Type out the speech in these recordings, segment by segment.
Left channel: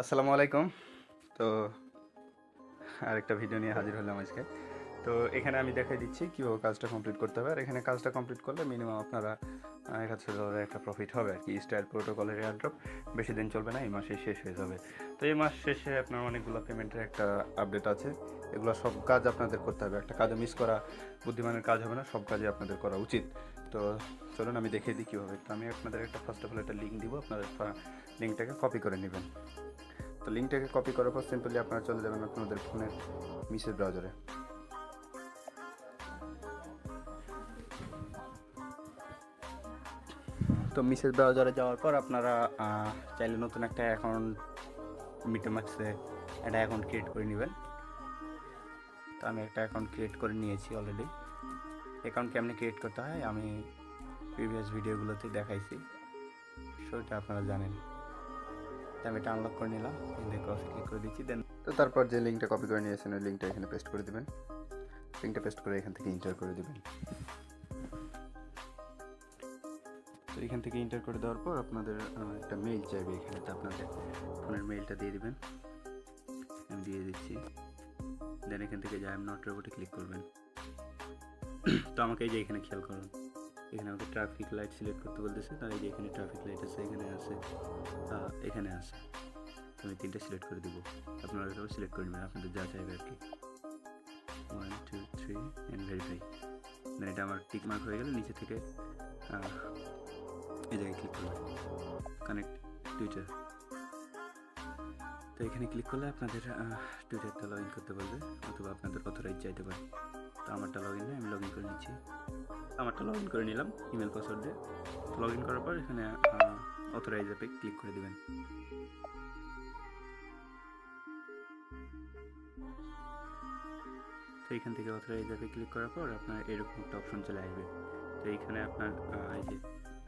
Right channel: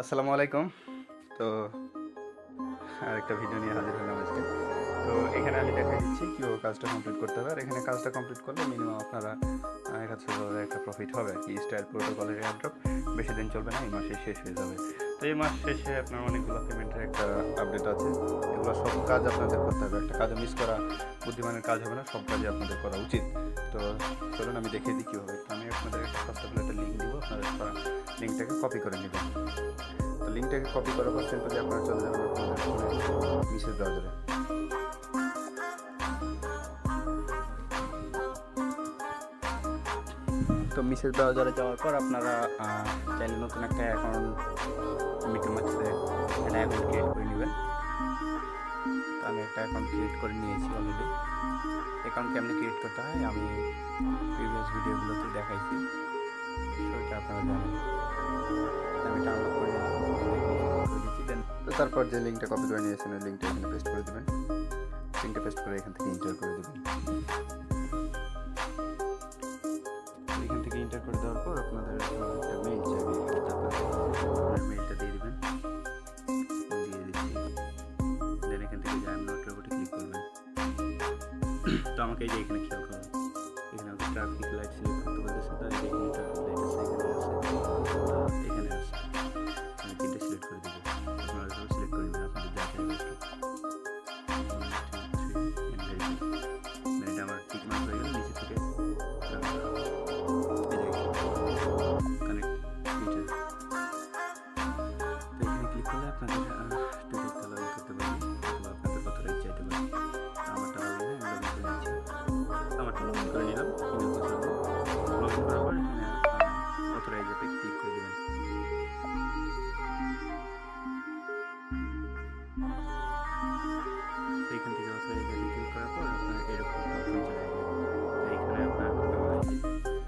আসসালামু আলাইকুম। তো আরেকটা ভিডিও নিয়ে হাজির হলাম আজকে। তো এখানে আমি দেখাই দিচ্ছি কীভাবে কাজটা কমপ্লিট করতে হবে। আর এখানে কাজটা কমপ্লিট করলে মিনিমাম আপনারা $1000 একটা প্রফিট হবে আর কি। স্টাইল প্রোটোকলের এয়ারড্রপ বেশি দিন চলবে না, এই মাসেই শেষ হয়ে যাবে। তো এই মাস শেষে আপনার অনেকগুলো পেমেন্টের একটা আপডেট আছে। এগুলো সব কাজ আপনাদের করতে হবে, একটা কাজও মিস করা বুদ্ধিমানের কাজ হবে না, সব কাজই আপনাদের করা উচিত। তো চলুন আমি দেখিয়ে দিই কীভাবে। তো আমি আপনাদের একটা ফার্স্ট অফ অল একটা লিঙ্ক দিব, আপনারা লিঙ্কটাকে কপি করে নেবেন। তো লিঙ্কটাকে কপি করার পর সিম্পলি আপনারা চলে যাবেন আপনাদের ফোনের মেসেজ ব্রাউজারে। তো মেসেজ ব্রাউজারে যাওয়ার পর আপনারা চাইলে নতুন একটা অ্যাকাউন্ট মিটামাক্সে একটা অ্যাকাউন্ট ক্রিয়েট করে নেবেন। তো আমি একটা অ্যাকাউন্ট ক্রিয়েট করে নিয়েছি অলরেডি। অ্যাকাউন্ট কেমনি ক্রিয়েট করতে হয় আমি প্রিভিয়াস ভিডিওগুলোতে দেখাইছি, সেটা আপনারা জানেন। আমি এটা আনলক করে নিলাম, কপি ক্লিক করে দিচ্ছি। দেন তো তারপর যে লিঙ্কটা কপি করে নিয়েছেন ওই লিঙ্কটা এখানে পেস্ট করে দেবেন। লিঙ্কটা পেস্ট করে এখান থেকে এন্টার করে দেবেন। এখান থেকে এন্টার করে দেওয়ার পর আপনাদের একটা মেইল চাইবে, এখানে আপনাদের ফোনের মেইলটা দিয়ে দেবেন। আমি দিয়ে দিচ্ছি। দেন এখান থেকে যে আই এম নট রোবটে ক্লিক করবেন। তো আমাকে এই যে এখানে খেয়াল করুন, এখানে আমাকে ট্রাফিক লাইট সিলেক্ট করতে বলতেছে। তাই যে এখানে ট্রাফিক লাইট আছে, এখানে আছে, এখানে আছে। আমি তিনটা সিলেক্ট করে দেবো, আপনারা সব সিলেক্ট করে নেবেন আপনাদের যা চাইবে আর কি। 1 2 3 এন্ড ভেরিফাই। দেন এটা আমার টিক মার্ক হয়ে গেলে নিচে থেকে এই জায়গায় ক্লিক করবো, কানেক্ট টুইটার। তো এখানে ক্লিক করলে আপনাদের টুইটারটা লগ ইন করতে পারবে, অথবা আপনাদের অথরাইজ চাইতে পারে। তো আমারটা লগ ইন, আমি লগ ইন করে নিচ্ছি। আমারটা লগ ইন করে নিলাম ইমেল পাসওয়ার্ড দিয়ে। লগ ইন করার পর এখানে অথরাইজ অ্যাপে ক্লিক করে দেবেন। তো এইখান থেকে অথরাইজ অ্যাপে ক্লিক করার পর আপনার এরকম একটা অপশন চলে আসবে। তো এইখানে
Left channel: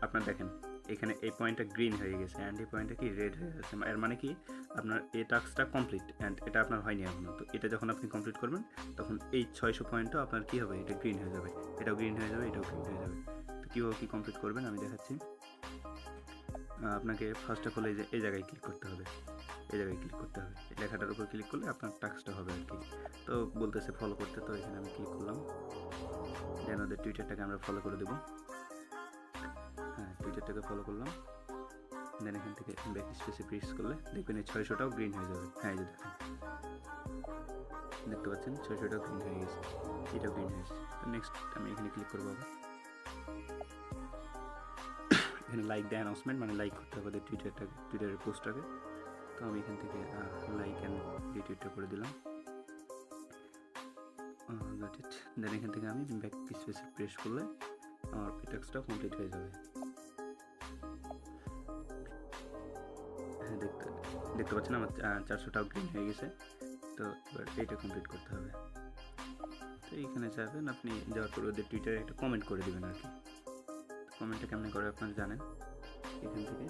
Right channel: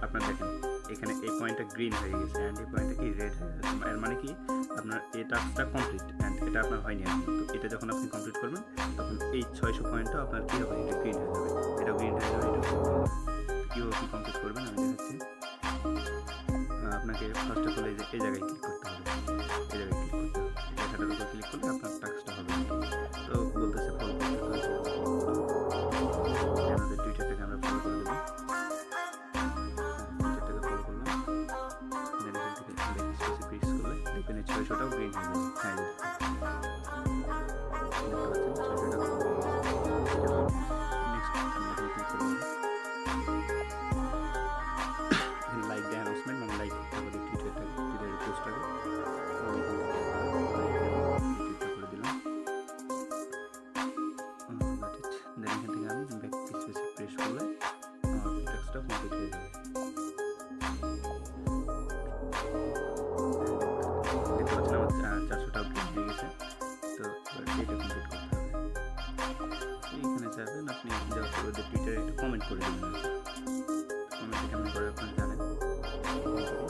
আপনার দেখেন এখানে এই পয়েন্টটা গ্রিন হয়ে গেছে অ্যান্ড এই পয়েন্টটা কি রেড হয়ে গেছে। এর মানে কি আপনার এই টাস্কটা কমপ্লিট অ্যান্ড এটা আপনার হয়নি এখনো। তো এটা যখন আপনি কমপ্লিট করবেন তখন এই 600 পয়েন্টটা আপনার কী হবে, এটা গ্রিন হয়ে যাবে, এটাও গ্রিন হয়ে যাবে, এটাও গ্রিন হয়ে যাবে। তো কীভাবে কী কমপ্লিট করবেন আমি দেখাচ্ছি। আপনাকে ফার্স্ট অফ অল এই জায়গায় ক্লিক করতে হবে, এই জায়গায় ক্লিক করতে হবে, এই লেখাটার উপর ক্লিক করলে আপনার টাস্কটা হবে আর কি। তো বলতেছে ফলো করতে, তো এখানে আমি ক্লিক করলাম। আমাদের টুইটারটাকে আমরা ফলো করে দেবো। হ্যাঁ, টুইটারটাকে ফলো করলাম। দেন এখান থেকে ব্যাক স্পেসে প্রেস করলে দেখবেন এই 600টাও গ্রিন হয়ে যাবে। হ্যাঁ, এই দেখতে পাচ্ছেন 600টা গ্রিন হয়ে গেছে, এটা গ্রিন হয়েছে। নেক্সট আমি এখানে ক্লিক করবো। এখানে লাইক দ্য অ্যানাউন্সমেন্ট, মানে লাইক করতে হবে টুইটারের পোস্টটাকে। তো আমি এখান থেকে লাইক অ্যান্ড রিটুইটটা করে দিলাম। দেন এখান থেকে আমি ব্যাক স্পেসে প্রেস করলে আমার টাস্কটা কমপ্লিট হয়ে যাবে। দেখতে পাচ্ছেন আমার 400টাও গ্রিন হয়ে গেছে। তো এবার এটা কমপ্লিট করতে হবে। তো এইখানে চাইবেন আপনি যাওয়ার পর ওদের টুইটারে একটা কমেন্ট করে দেবেন আর কি। কমেন্টটা কেমন করে আপনারা জানেন। এখান থেকে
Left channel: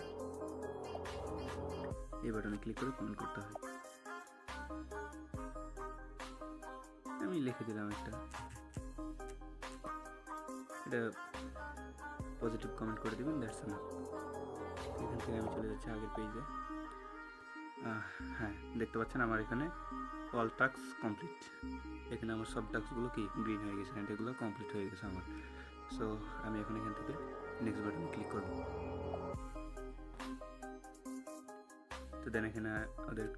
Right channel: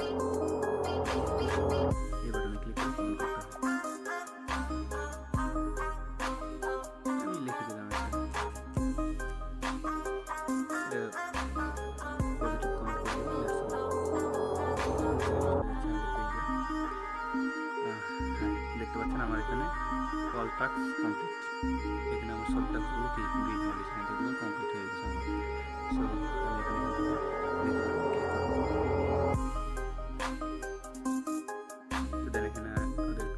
এই বাটনে ক্লিক করে কমেন্ট করতে হবে। আমি লিখে দিলাম একটা, এটা পজিটিভ কমেন্ট করে দেবেন। That's all. এখান থেকে আমি চলে যাচ্ছি আগের পেজে। হ্যাঁ, দেখতে পাচ্ছেন আমার এখানে অল টাস্ক কমপ্লিট। এখানে আমার সব টাস্কগুলো কি গ্রিন হয়ে গেছে, এখান এগুলো কমপ্লিট হয়ে গেছে আমার। সো আমি এখন এখান থেকে নেক্সট বাটনে ক্লিক করব। তো দেন এখানে ওদের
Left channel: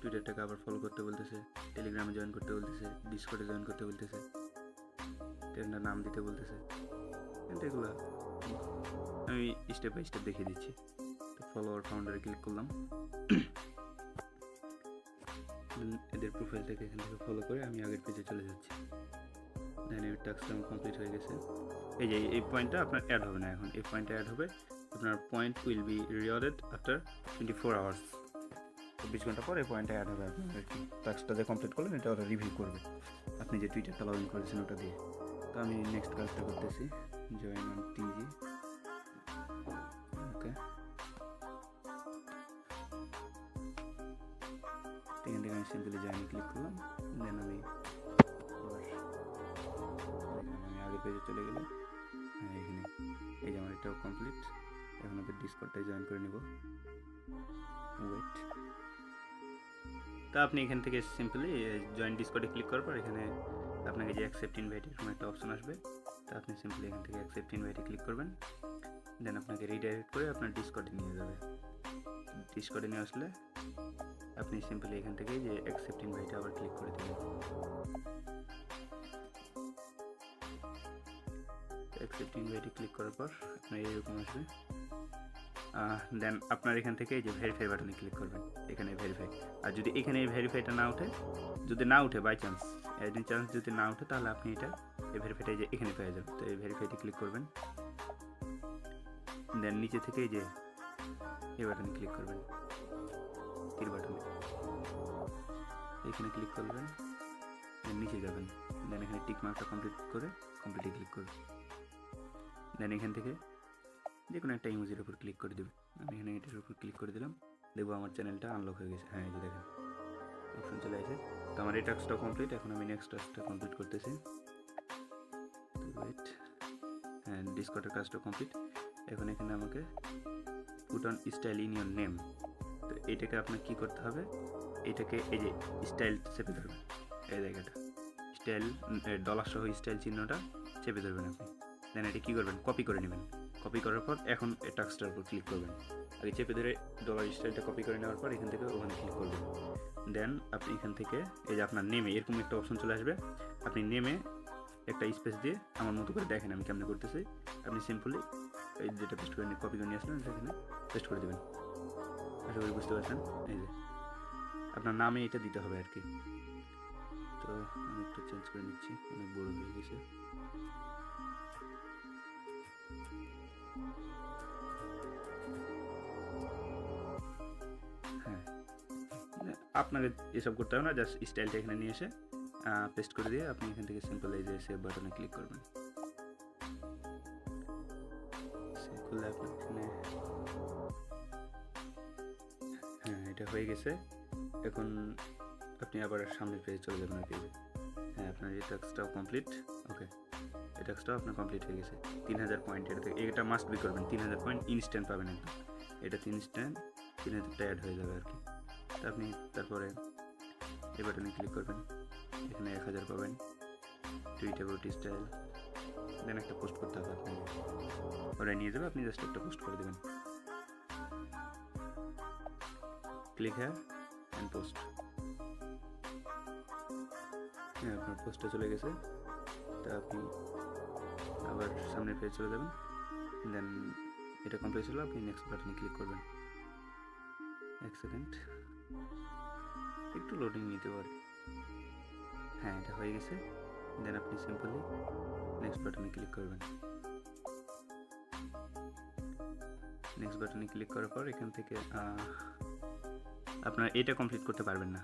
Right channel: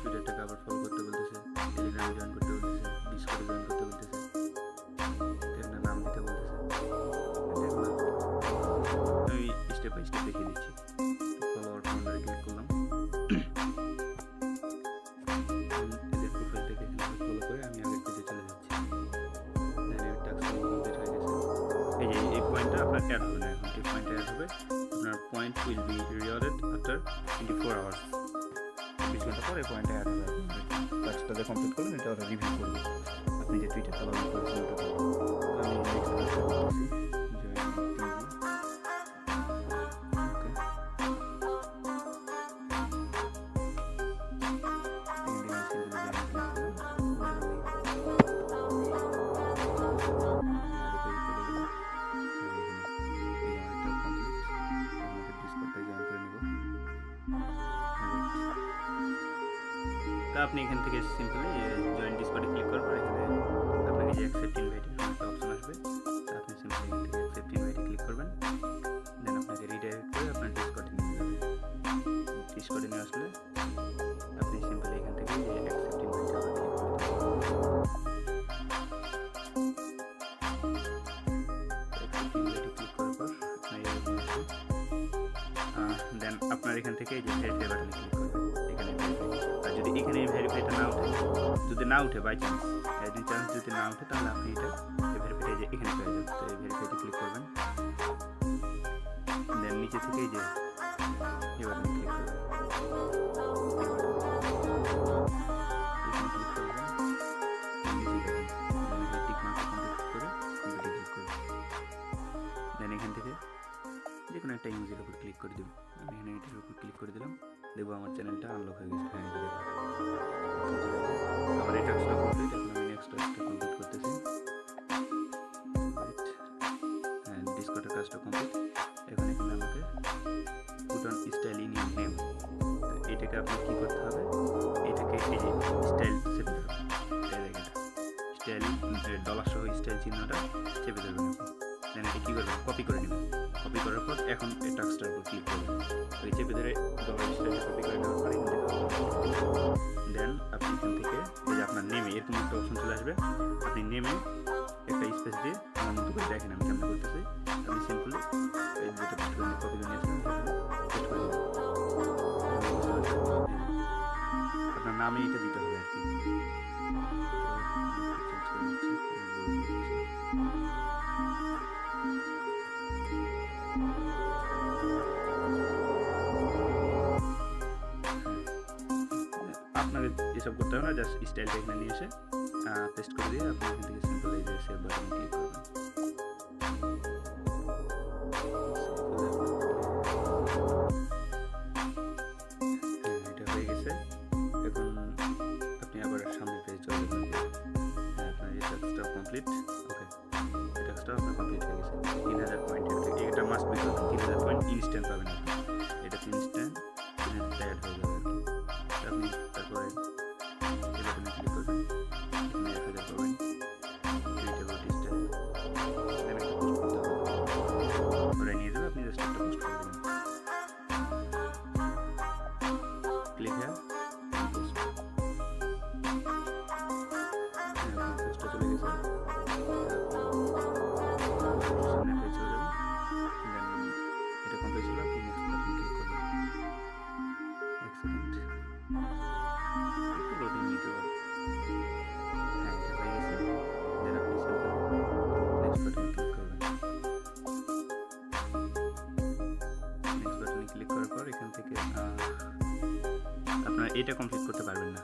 টুইটারটাকে আবার ফলো করতে বলতেছে, টেলিগ্রামে জয়েন করতে বলতেছে, ডিসকর্ডে জয়েন করতে বলতেছে, একটা নাম দিতে বলতেছে। এগুলো আমি স্টেপ বাই স্টেপ দেখিয়ে দিচ্ছি। তো ফলোয়ার ফাউন্ডারে ক্লিক করলাম। এদের প্রোফাইলটাকে এখানে ফলো করে আমি আগের পেজে চলে যাচ্ছি। দেন এই টাস্কটা কমপ্লিট হয়ে গেছে। এই যে এই পয়েন্টটা আপনার অ্যাড হবে না, এখন এই পয়েন্টটা অ্যাড হবে। আপনার point will be rewarded after 24 hours. 24 ঘন্টা পর এই পয়েন্টটা অ্যাড হবে। টাস্কটা যে কমপ্লিট করলেন এটা ওরা রিভিউ করবে আপনি যে টুইটারটা লগ ইন করেছেন ওটা দিয়ে। তো আমি নেক্সট কাজটা করতেছি, জয়েন টিজি। ওকে, এখান থেকে আমি সিম্পলি জয়েন ক্লিক করলাম। দেন আমি আগে পেজে চলে গেলাম। এখানে এই যে আমার এটাও কমপ্লিট। এখন ওদের ডিসকর্ডটাই জয়েন করে নেব। তো আপনি এখান থেকে সিম্পলি জয়েন ডিসকর্ডে ক্লিক করার পর এখানে আপনাকে যে অ্যাকসেপ্ট ইনভাইট এরকম একটা অপশন আসবে, তো আপনি সিম্পলি এখান থেকে অ্যাকসেপ্ট ইনভাইটে ক্লিক করবেন। দেন আপনাকে রিডাইরেক্ট করে আপনার ডিসকর্ডে নিয়ে যাবে। ডিসকর্ডে নিয়ে আসলে আপনি সিম্পলি এখান থেকে যে অ্যাকসেপ্ট ইনভাইটে আবার ক্লিক করে দেবেন। অ্যাকসেপ্ট ইনভাইটে ক্লিক করার পর আপনার এরকম আসবে। দেন আপনার এখান থেকে এই যে ভেরিফাই বাটনে ক্লিক করবেন, এখানে ভেরিফাই। আর যদি এখানে এই ভেরিফাইটা না ওঠে, যদি না উঠে বাই চান্স, একদিন চান্স যদি না ওঠে, তাহলে আপনি এটা এই ভেরিফাইটা যে এখানে পেয়ে যাবেন। তো এই ভেরিফাইতে ক্লিক করবেন। দেন নিচে থেকে এই যে এই বাটনে ক্লিক করবেন, তীর বাটনে এখানে ক্লিক করবেন। দেন নিচে যাবেন, দেন এখানে টিক মার্কটা কমপ্লিট করে কমপ্লিটে ক্লিক করবেন। দেন এখান থেকে যে কোনো একটা ইমেজের উপর ক্লিক করে দেবেন। আমি এখানে এটার উপর ক্লিক করে দিলাম, দেখবো আমার চ্যানেলটা আনলক হয়ে গেছে। হ্যাঁ, এই যে দেখেন এখন চলে আসে। তো আমার এই টাস্কটা কমপ্লিট, এখন আমি নেক্সট টাস্কটা কমপ্লিট করতেছি। ওয়েট, হ্যাঁ, ডিসকর্ডের কাজটা কমপ্লিট। এখন এখানে আমাকে put on style in your name. তো এটাকে আপনার কী করতে হবে, এটাকে এই যে স্টাইল চেপে ধরবেন, এই জায়গাটা স্টাইল ডলার সহ স্টাইল চিহ্নটা চেপে ধরবেন আপনি। দেন এটা কী করবেন, কপি করে নেবেন। কপি করার পর এখন এই টাস্কটার উপর ক্লিক করবেন। ওই চেপে ধরে ডলার স্টাইলটা কপি করে নেওয়ার পর এখান থেকে ক্লিক করবেন। দেন আপনি এখান থেকে এই যে আপনার নেমে এরকম একটা অপশন চলে আসবে। আপনি নেমে একটা স্পেস দিয়ে আমার মতো করে দেখেন আমি কেমন করতেছি। আপনি সিম্পলি এই যেটা পেস্ট করে কপি করে নিয়ে আসবেন, সেখানে পেস্ট করে দেবেন। বুঝতে পারছেন, এই যে আপনার নামে এটা দিতে হবে আর কি। তো আমি একটু চেঞ্জ করে নিচ্ছি, অনেক বড় হয়ে গেছে। আপনাকে এসব করতে হবে না, জাস্ট স্টাইলটা এখানে নিয়ে এসে পেস্ট করে দিয়ে আপনি এখান থেকে সিম্পল এই যে সেভ বাটনে ক্লিক করবেন। হ্যাঁ, এটা হয়ে গেছে। এখন আপনি আবার সামনের পেজে চলে যাবেন। হ্যাঁ, আপনার এই টাস্কটাও কমপ্লিট। ওকে, এই টাস্কটাও আপনার কমপ্লিট হয়ে গেছে। 3000 পয়েন্ট এটা মাস্ট বি করবেন। 3000 পয়েন্ট ইনস্ট্যান্ট পাবেন আপনি। এটা 3000 অ্যাড হয়ে যাবে আর কি। আপনি তারপরে এই বাটনে ক্লিক করবেন, এখানে 1000 পাবেন। টুইট অ্যাবাউট স্টাইল, দেন একটা পোস্ট করতে হবে, ওরা নিয়ে যাবে। আপনি জাস্ট একটা পোস্ট করে দেবেন। ক্লিক হ্যাঁ পোস্ট। হ্যাঁ, আপনার পোস্টটা চলে গেছে। তা আপনি আবার সামনের পেজ চলে যাবেন। দেন এটা কমপ্লিট হলো, আপনি নেক্সট বাটনে ক্লিক করবেন। এক সেকেন্ড, একটু লোডিং নিতে পারে। হ্যাঁ, এটা হয়ে গেছে। দেন আপনি সিম্পলি নেক্সট বাটনে ক্লিক করবেন। নেক্সট বাটনে ক্লিক করার পর এখান থেকে আপনারা এটা কমপ্লিট করতে পারবেন না।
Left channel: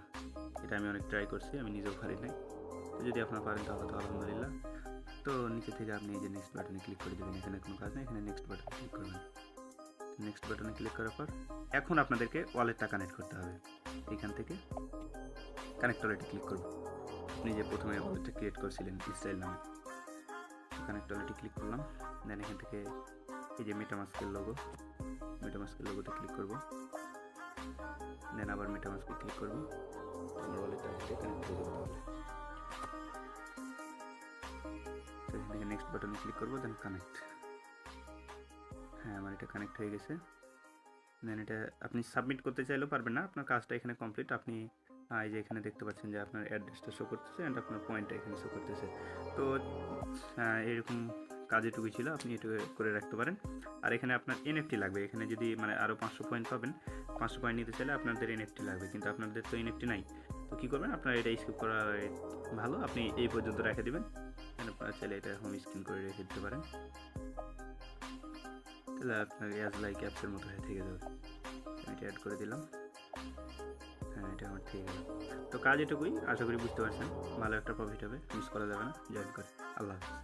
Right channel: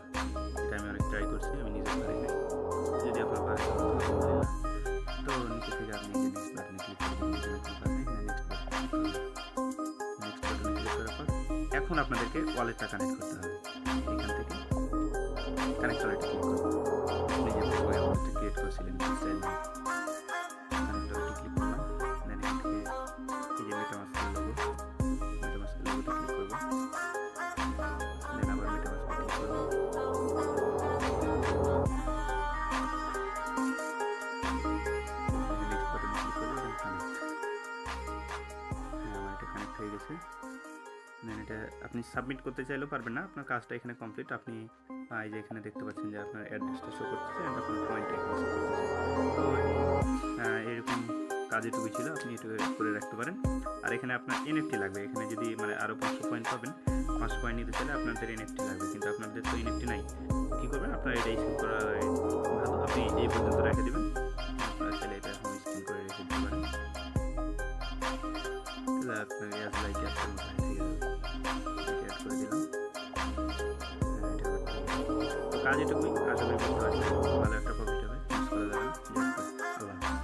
এটা আমি অনেক ট্রাই করছি, আমি নিজেও পারি নাই। যদি আপনারা পারেন তাহলে তো আলহামদুলিল্লাহ। তো নিচে থেকে আপনি এই যে নেক্সট বাটনে ক্লিক করে দেবেন। এখানে কোনো কাজ নেই, এখানে নেক্সট বাটনে ক্লিক করবেন। নেক্সট বাটনে ক্লিক করার পর এখন আপনাদেরকে ওয়ালেটটা কানেক্ট করতে হবে। এখান থেকে কানেক্ট ওয়ালেটে ক্লিক করবেন। আপনি যে প্রথমে ওয়ালেটটা ক্রিয়েট করেছিলেন স্টাইল নামে, কানেক্ট ওয়ালেটে ক্লিক করলাম। দেন এখান থেকে এই যে মেটামাস্কের লোগোতে ক্লিক করব। দেন আবার মেটামাস্কে ক্লিক করব। নেক্সট বাটনে ক্লিক করব, দেন কানেক্ট। হ্যাঁ, আমার এটা কানেক্ট হয়ে গেছে। দেন এটা আপনি সাবমিট করতে চাইলেও পারবেন না, আপনার কাজটা এখানে কমপ্লিট। আপনি এই যে এখানে দেখতে পাচ্ছেন যে আপনার অ্যাড্রেসটা শো করতেছে অ্যান্ড আপনার পয়েন্টটা এখানে শো করতেছে। তো এরকম কাজ এটুকুই ছিল, আপনি এটুকু করে রাখতে পারেন। আর এখানে আপনার এনএফটি লাগবে। এখানে যদি মানে আরও 500 পয়েন্ট পাবেন, 500 পয়েন্ট নিতে চাইলে আপনাদের এনএফটি লাগবে, কিন্তু আপনাদের তো এনএফটি নাই। তো কী করবেন, আপনার এটা স্কিপ করা ভালো। আপনি এই পর্যন্ত রেখে দেবেন। আপনারা চাইলে এটা হোম স্ক্রিন করে রেখে দিতে পারেন, তাহলে আপনার অ্যাজ লাইক অ্যাপসের মতো হয়ে থেকে যাবে। এটা অ্যাড করে দিলাম। হ্যাঁ, এটা আমার ঠিক আছে। তো কাজ এটুকুই, আশা করি বুঝতে পারছেন। ভালো একটা প্রফিট হবে, মিস করা যাবে না। আল্লাহ হাফেজ।